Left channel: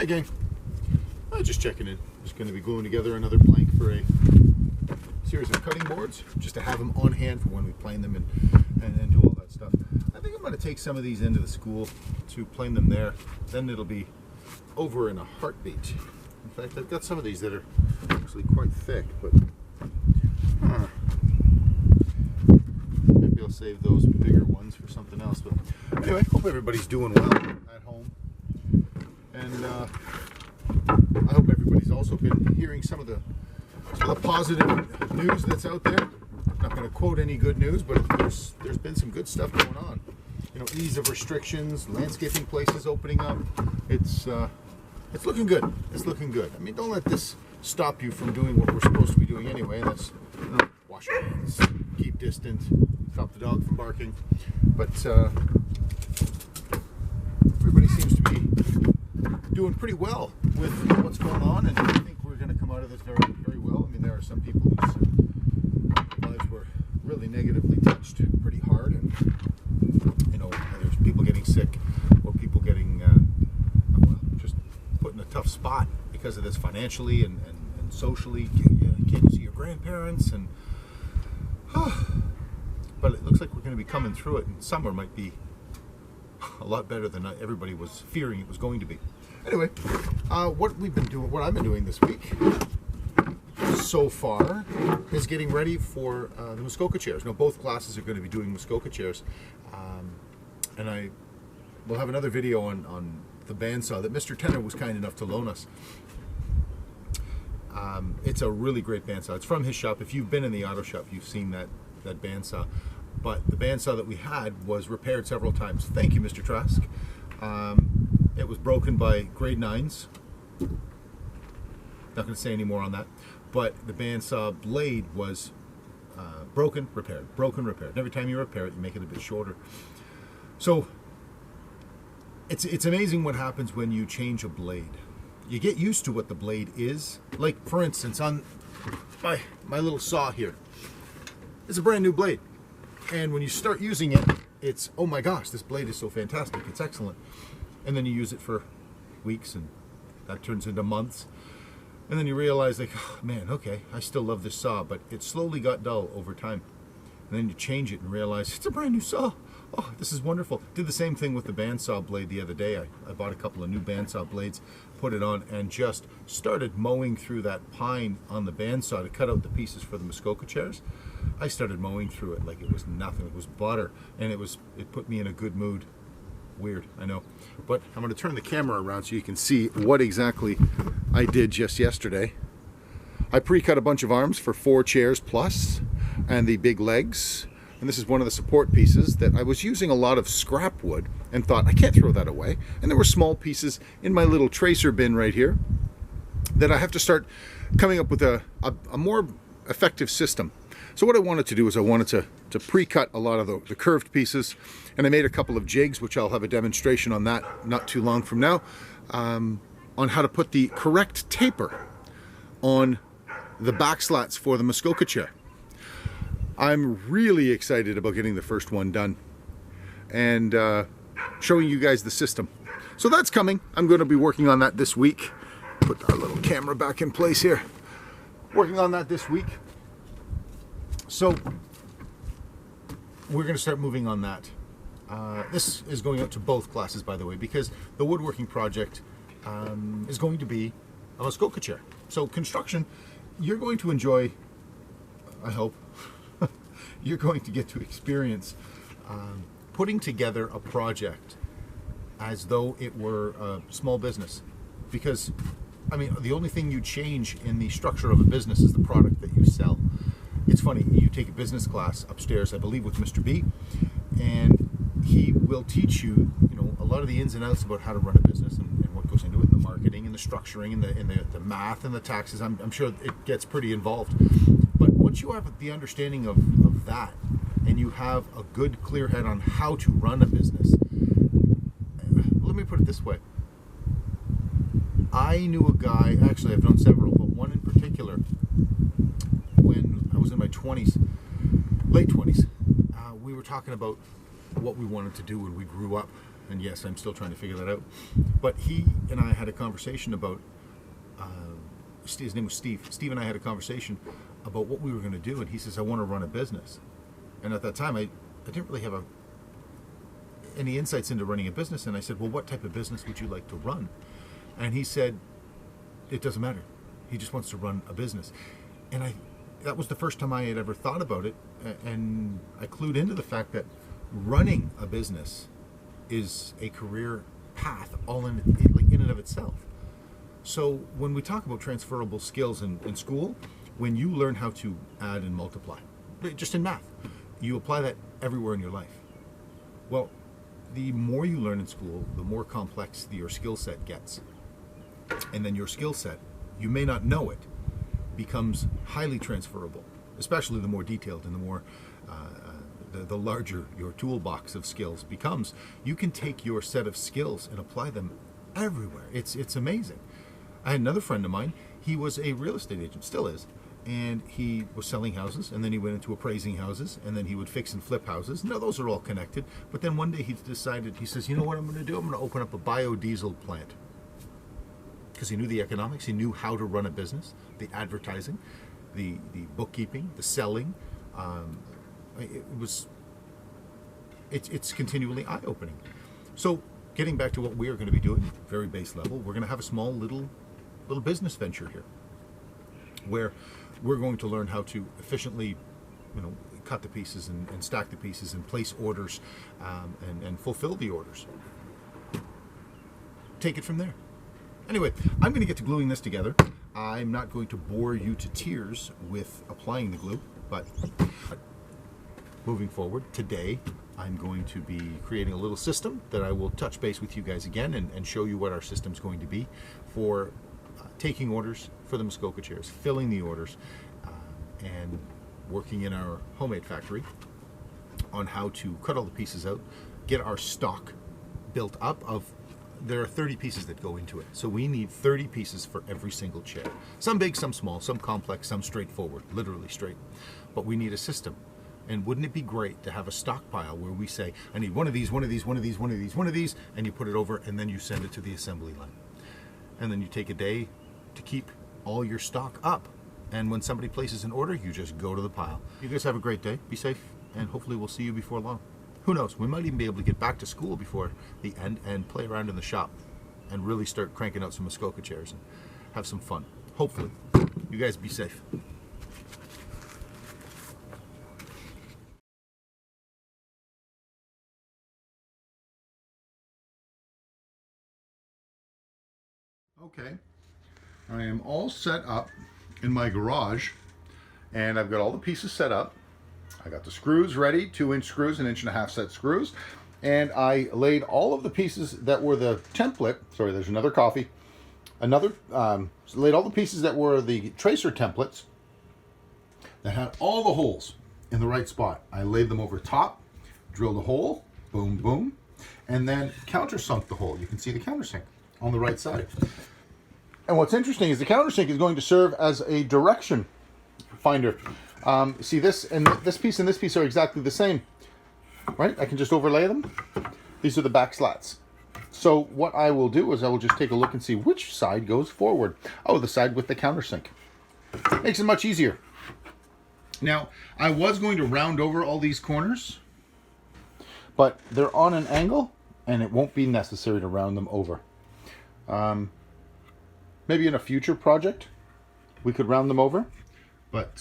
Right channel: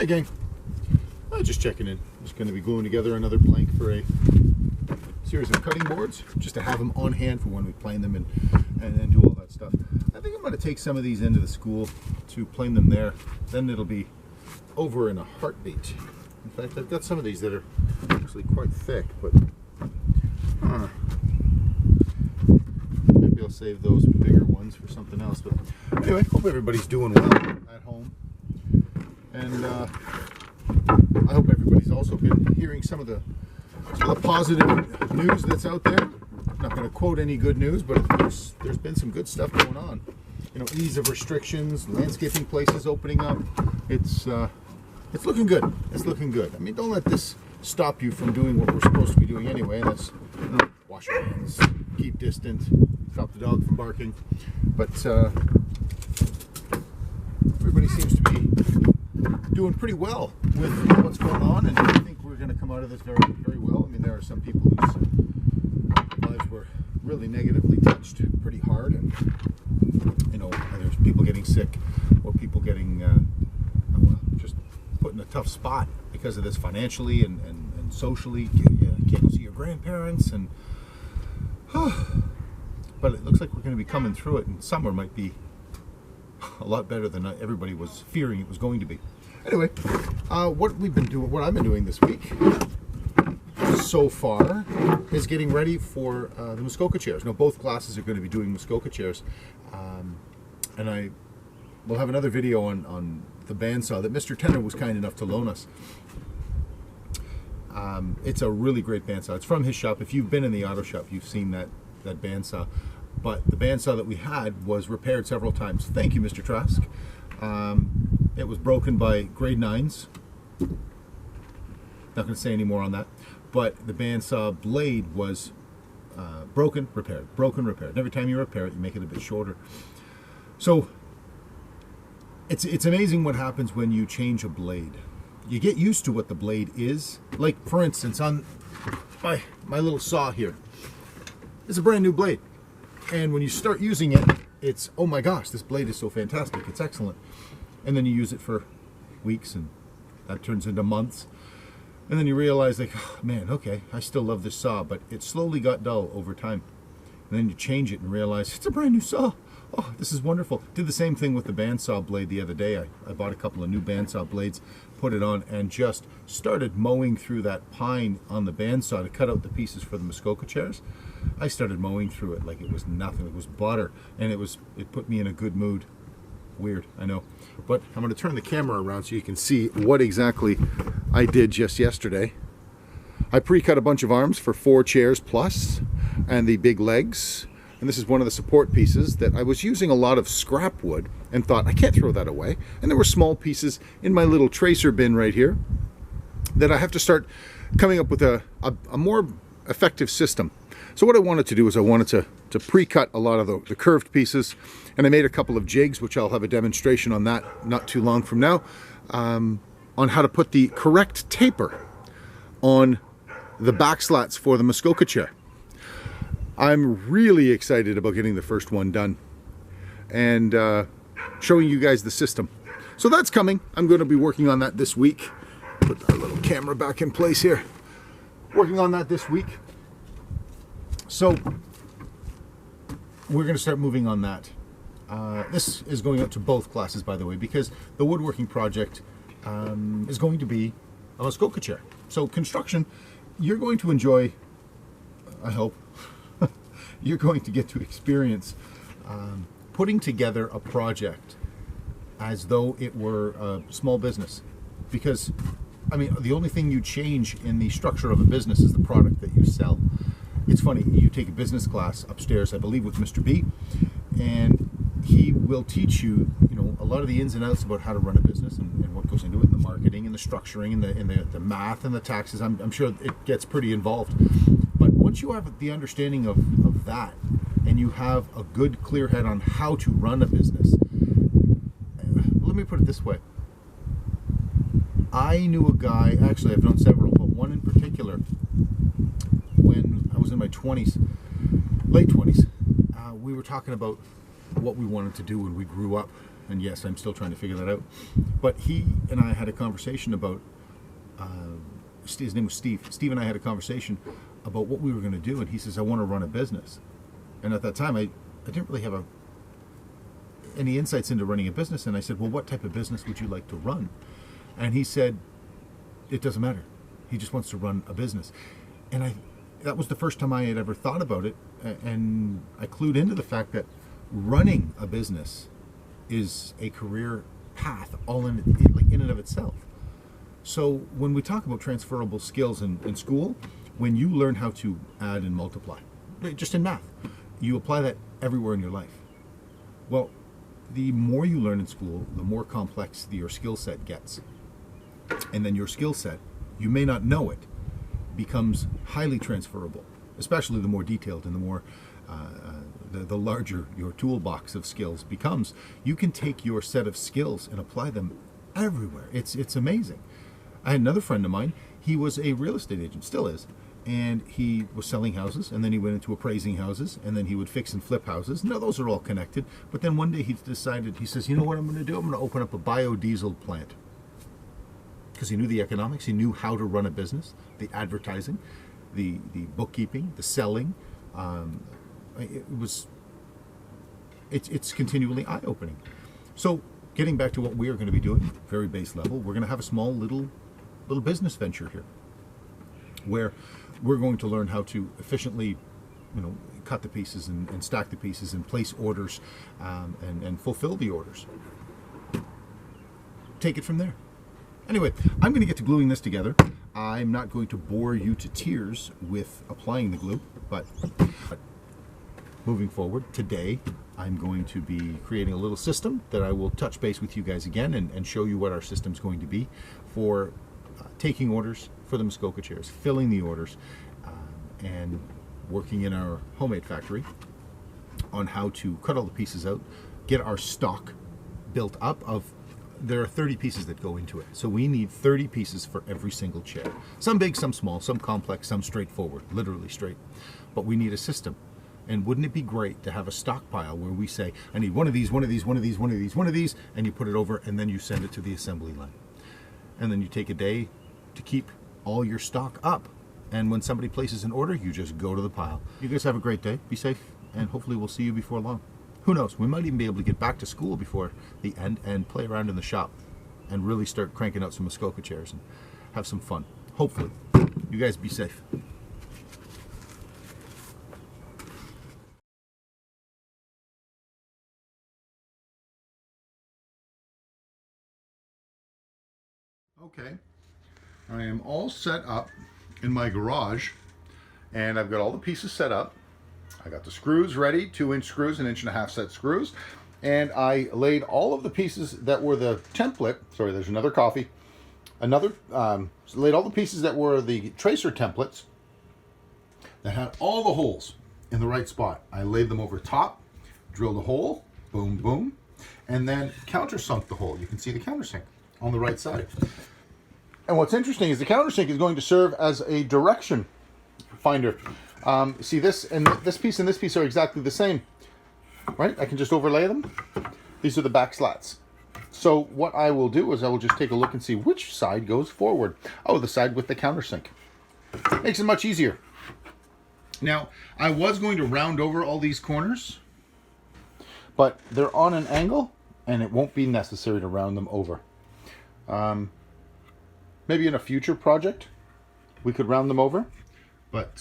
Hi gang, just checking in. Just going to be gluing together another blank for a series of cutting boards, just to have them on hand for when we plane them and do all that stuff. I think I'm going to take some of these into the school to plane them there. Then it'll be over in a heartbeat. In fact, I've got some of these that are actually quite thick, but maybe I'll save those bigger ones for something else. But anyway, hope everybody's doing well at home. And I hope everybody's also been hearing some of the positive news that's out there. I'm not going to quote any good news, but there's been some good stuff going on. You know, ease of restrictions, landscaping places opening up. It's looking good. It's looking good. I mean, don't let this stop you from doing what we're supposed to be doing anyway. That's, you know, wash your hands, keep distant, stop the dog from barking. But everybody seems to be doing pretty well with what's going on, and I think we're going to come out of this very, very well. I mean, there are some people whose lives were really negatively touched pretty hard, and you know, there's people getting sick or people getting just put in a tough spot because of this financially and socially. You can't go see your grandparents, and but it looks like we're going to be coming through it, and summer might be a lot better than everybody was fearing it was going to be. Anyway, what I've been doing this week so far is getting ready for the Muskoka chairs. Now, both classes are going to be doing Muskoka chairs, and I will have another video on the bandsaw that Mr. Tenner was kind enough to loan us. It's a really great bandsaw. It's from his shop. If you've been in the auto shop, you've seen that bandsaw. But the bandsaw that we had was repaired several times. Thank you, Mr. Trask. It was broken by grade 9s. Not going to say any more on that. But the bandsaw blade was broken, repaired, broken, repaired. And every time you repair it, you make it a bit shorter. So it's amazing what happens when you change a blade. You get used to what the blade is. Like, for instance, on my little saw here, it's a brand new blade. And when you start using it, it's, oh my gosh, this blade is so fantastic, it's excellent. And then you use it for weeks, and that turns into months. And then you realize, like, oh, man, okay, I still love this saw, but it slowly got dull over time. And then you change it and realize, it's a brand new saw. Oh, this is wonderful. Did the same thing with the bandsaw blade the other day. I bought a couple of new bandsaw blades, put it on, and just started mowing through that pine on the bandsaw to cut out the pieces for the Muskoka chairs. I started mowing through it like it was nothing. It was butter, and it put me in a good mood. Weird, I know. But I'm going to turn the camera around so you can see what exactly I did just yesterday. I pre-cut a bunch of arms for 4 chairs plus, and the big legs. And this is one of the support pieces that I was using a lot of scrap wood and thought, I can't throw that away. And there were small pieces in my little tracer bin right here that I have to start coming up with a more effective system. So what I wanted to do is I wanted to pre-cut a lot of the curved pieces, and I made a couple of jigs, which I'll have a demonstration on that not too long from now, on how to put the correct taper on the back slats for the Muskoka chair. I'm really excited about getting the first one done and showing you guys the system. So that's coming. I'm going to be working on that this week. Put our little camera back in place here. Working on that this week. So we're going to start moving on that. This is going out to both classes, by the way, because the woodworking project is going to be a Muskoka chair. So construction, you're going to enjoy, I hope, you're going to get to experience putting together a project as though it were a small business. Because, I mean, the only thing you change in the structure of a business is the product that you sell. It's funny, you take a business class upstairs, I believe, with Mr. B, and he will teach you, you know, a lot of the ins and outs about how to run a business and what goes into it, and the marketing and the structuring and the math and the taxes. I'm sure it gets pretty involved. But once you have the understanding of that, and you have a good, clear head on how to run a business, let me put it this way. I knew a guy, actually I've known several, but one in particular, when I was in my 20s, late 20s, we were talking about what we wanted to do when we grew up, and yes, I'm still trying to figure that out. But he and I had a conversation about, his name was Steve. Steve and I had a conversation about what we were going to do, and he says, I want to run a business. And at that time, I didn't really have any insights into running a business, and I said, well, what type of business would you like to run? And he said, it doesn't matter. He just wants to run a business. And that was the first time I had ever thought about it, and I clued into the fact that running a business is a career path all in and of itself. So when we talk about transferable skills in school, when you learn how to add and multiply, just in math, you apply that everywhere in your life. Well, the more you learn in school, the more complex your skill set gets. And then your skill set, you may not know it, becomes highly transferable, especially the more detailed and the more the larger your toolbox of skills becomes. You can take your set of skills and apply them everywhere. It's amazing. I had another friend of mine. He was a real estate agent, still is, and he was selling houses, and then he went into appraising houses, and then he would fix and flip houses. Now those are all connected. But then one day he decided, he says, you know what I'm going to do? I'm going to open up a biodiesel plant. Because he knew the economics, he knew how to run a business, the advertising, the bookkeeping, the selling. It's continually eye-opening. So getting back to what we are going to be doing, very base level, we're going to have a small little business venture here, where we're going to learn how to efficiently, cut the pieces and stack the pieces and place orders and fulfill the orders. Take it from there. Anyway, I'm going to get to gluing this together. I'm not going to bore you to tears with applying the glue, but moving forward, today I'm going to be creating a little system that I will touch base with you guys again and show you what our system's going to be for taking orders for the Muskoka chairs, filling the orders, and working in our homemade factory on how to cut all the pieces out, get our stock built up of. There are 30 pieces that go into it. So we need 30 pieces for every single chair. Some big, some small, some complex, some straightforward, literally straight. But we need a system. And wouldn't it be great to have a stockpile where we say, I need one of these, one of these, one of these, one of these, one of these, and you put it over and then you send it to the assembly line. And then you take a day to keep all your stock up. And when somebody places an order, you just go to the pile. You guys have a great day. Be safe. And hopefully we'll see you before long. Who knows? We might even be able to get back to school before the end and play around in the shop and really start cranking out some Muskoka chairs and have some fun. Hopefully. You guys be safe. Okay. I am all set up in my garage, and I've got all the pieces set up. I got the screws ready, 2-inch screws, 1.5-inch set screws, and I laid all of the pieces that were the template. Sorry, there's another coffee. Laid all the pieces that were the tracer templates that had all the holes in the right spot. I laid them over top, drilled a hole, boom, boom, and then countersunk the hole. You can see the countersink on the right side. And what's interesting is the countersink is going to serve as a direction finder. See, this and this piece are exactly the same, right? I can just overlay them. These are the back slats. So what I will do is I will just take a look and see which side goes forward. Oh, the side with the countersink. Makes it much easier. Now, I was going to round over all these corners, but they're on an angle, and it won't be necessary to round them over. Maybe in a future project, we could round them over, but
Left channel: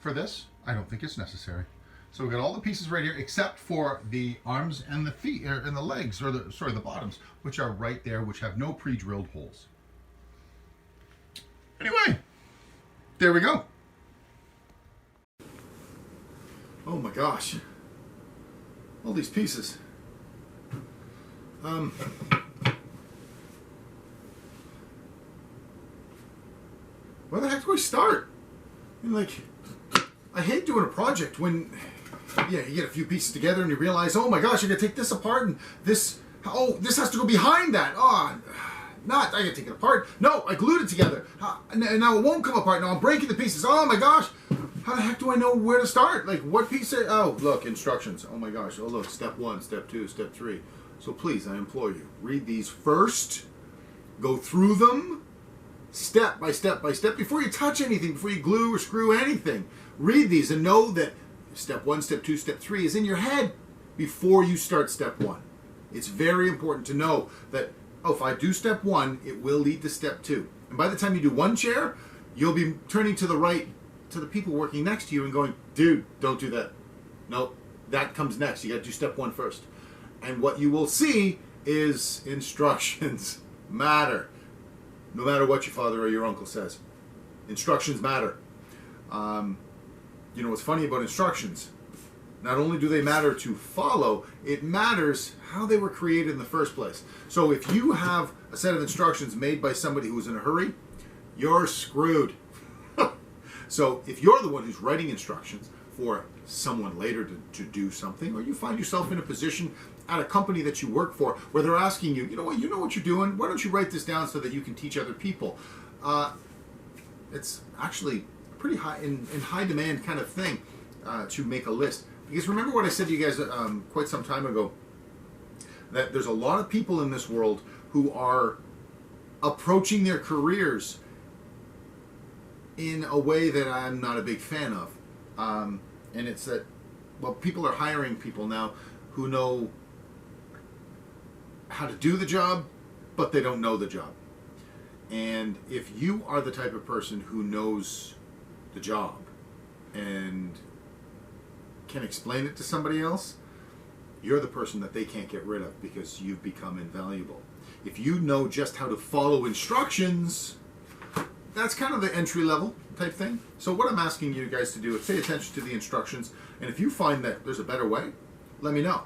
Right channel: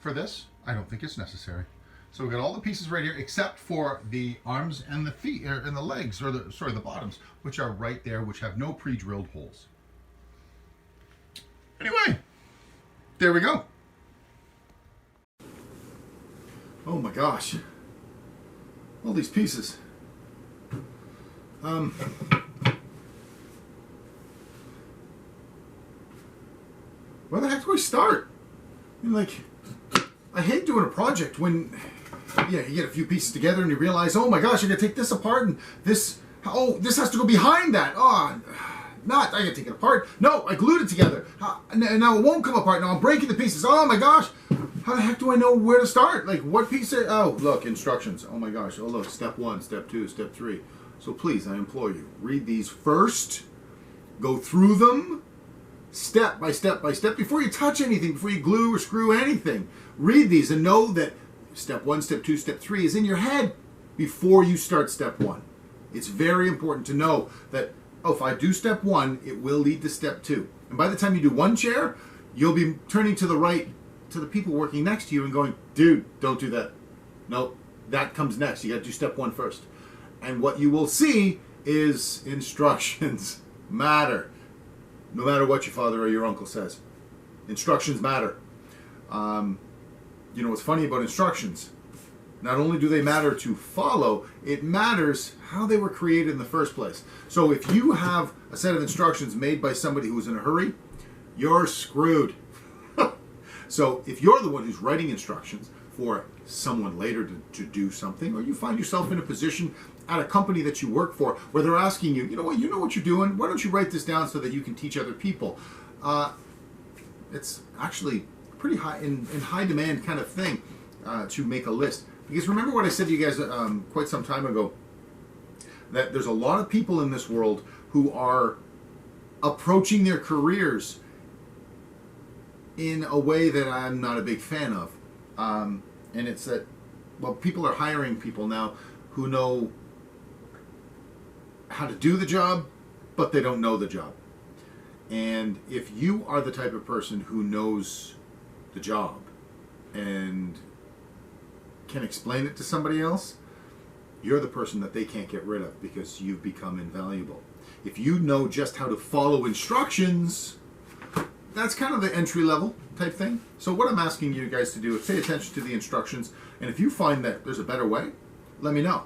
for this, I don't think it's necessary. So we've got all the pieces right here, except for the arms and the feet, and the legs, or the bottoms, which are right there, which have no pre-drilled holes. Anyway, there we go. Oh my gosh. All these pieces. Where the heck do we start? I mean, I hate doing a project when, you get a few pieces together and you realize, oh my gosh, I gotta take this apart and this has to go behind that. I gotta take it apart. No, I glued it together. And now it won't come apart. Now I'm breaking the pieces. Oh my gosh. how the heck do I know where to start? Like, what piece of, oh, look, instructions. Oh my gosh. Oh, look, step 1, step 2, step 3. So please, I implore you, read these first, go through them, step by step by step, before you touch anything, before you glue or screw anything. Read these and know that step 1, step 2, step 3 is in your head before you start step 1. It's very important to know that, oh, if I do step 1, it will lead to step 2. And by the time you do one chair, you'll be turning to the right to the people working next to you and going, dude, don't do that. Nope, that comes next. You got to do step 1 first. And what you will see is instructions matter. No matter what your father or your uncle says. Instructions matter. You know what's funny about instructions? Not only do they matter to follow, it matters how they were created in the first place. So if you have a set of instructions made by somebody who's in a hurry, you're screwed. So if you're the one who's writing instructions for someone later to do something, or you find yourself in a position at a company that you work for where they're asking you, you know what you're doing, why don't you write this down so that you can teach other people? It's actually a pretty high in high demand kind of thing to make a list. Because remember what I said to you guys quite some time ago, that there's a lot of people in this world who are approaching their careers in a way that I'm not a big fan of. And it's that, well, people are hiring people now who know how to do the job, but they don't know the job. And if you are the type of person who knows the job and can explain it to somebody else, you're the person that they can't get rid of because you've become invaluable. If you know just how to follow instructions, that's kind of the entry level type thing. So what I'm asking you guys to do is pay attention to the instructions, and if you find that there's a better way, let me know.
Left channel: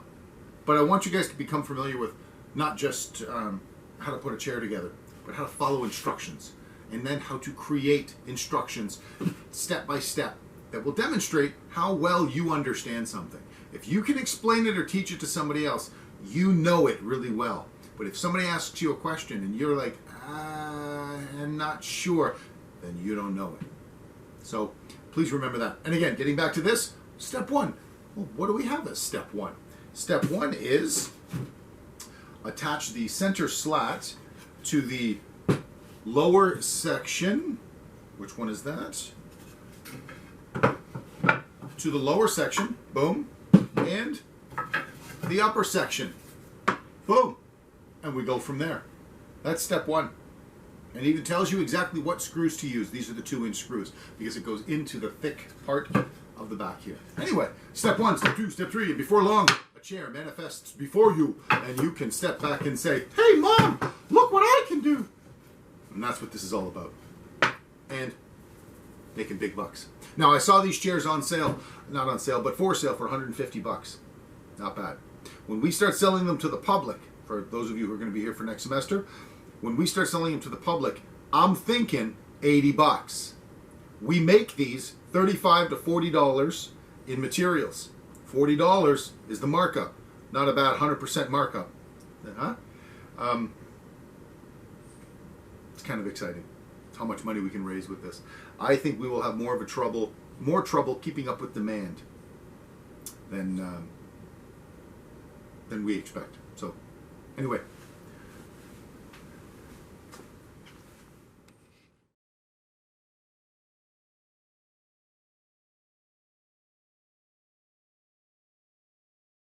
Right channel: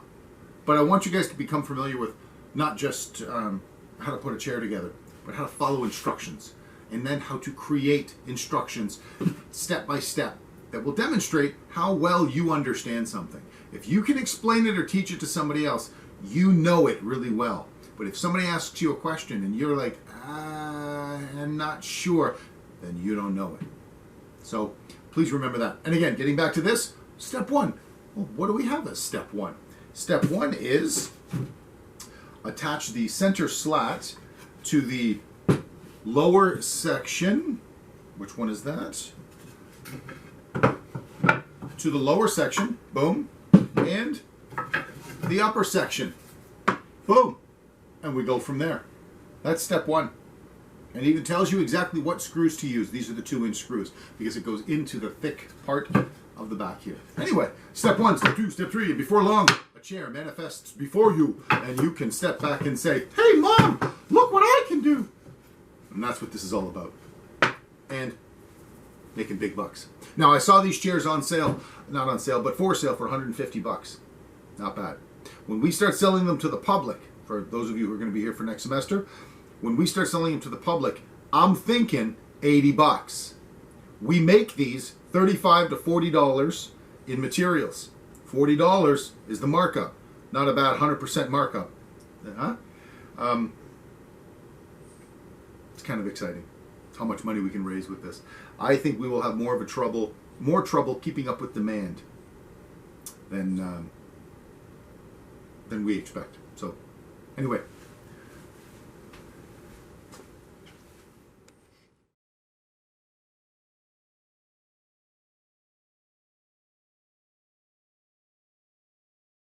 But I want you guys to become familiar with not just how to put a chair together, but how to follow instructions, and then how to create instructions step by step that will demonstrate how well you understand something. If you can explain it or teach it to somebody else, you know it really well. But if somebody asks you a question and you're like, I'm not sure, then you don't know it. So please remember that. And again, getting back to this, step 1. Well, what do we have as step 1? Step 1 is attach the center slat to the lower section. Which one is that? To the lower section, boom, and the upper section, boom, and we go from there. That's step 1. And it even tells you exactly what screws to use. These are the 2-inch screws because it goes into the thick part of the back here. Anyway, step 1, step 2, step 3, and before long, a chair manifests before you, and you can step back and say, hey, Mom, look what I can do. And that's what this is all about. And making big bucks. Now, I saw these chairs on sale, not on sale, but for sale for $150. Not bad. When we start selling them to the public, for those of you who are going to be here for next semester, when we start selling them to the public, I'm thinking $80. We make these $35 to $40 in materials. $40 is the markup, not about 100% markup. It's kind of exciting how much money we can raise with this. I think we will have more trouble keeping up with demand than we expect. So, anyway.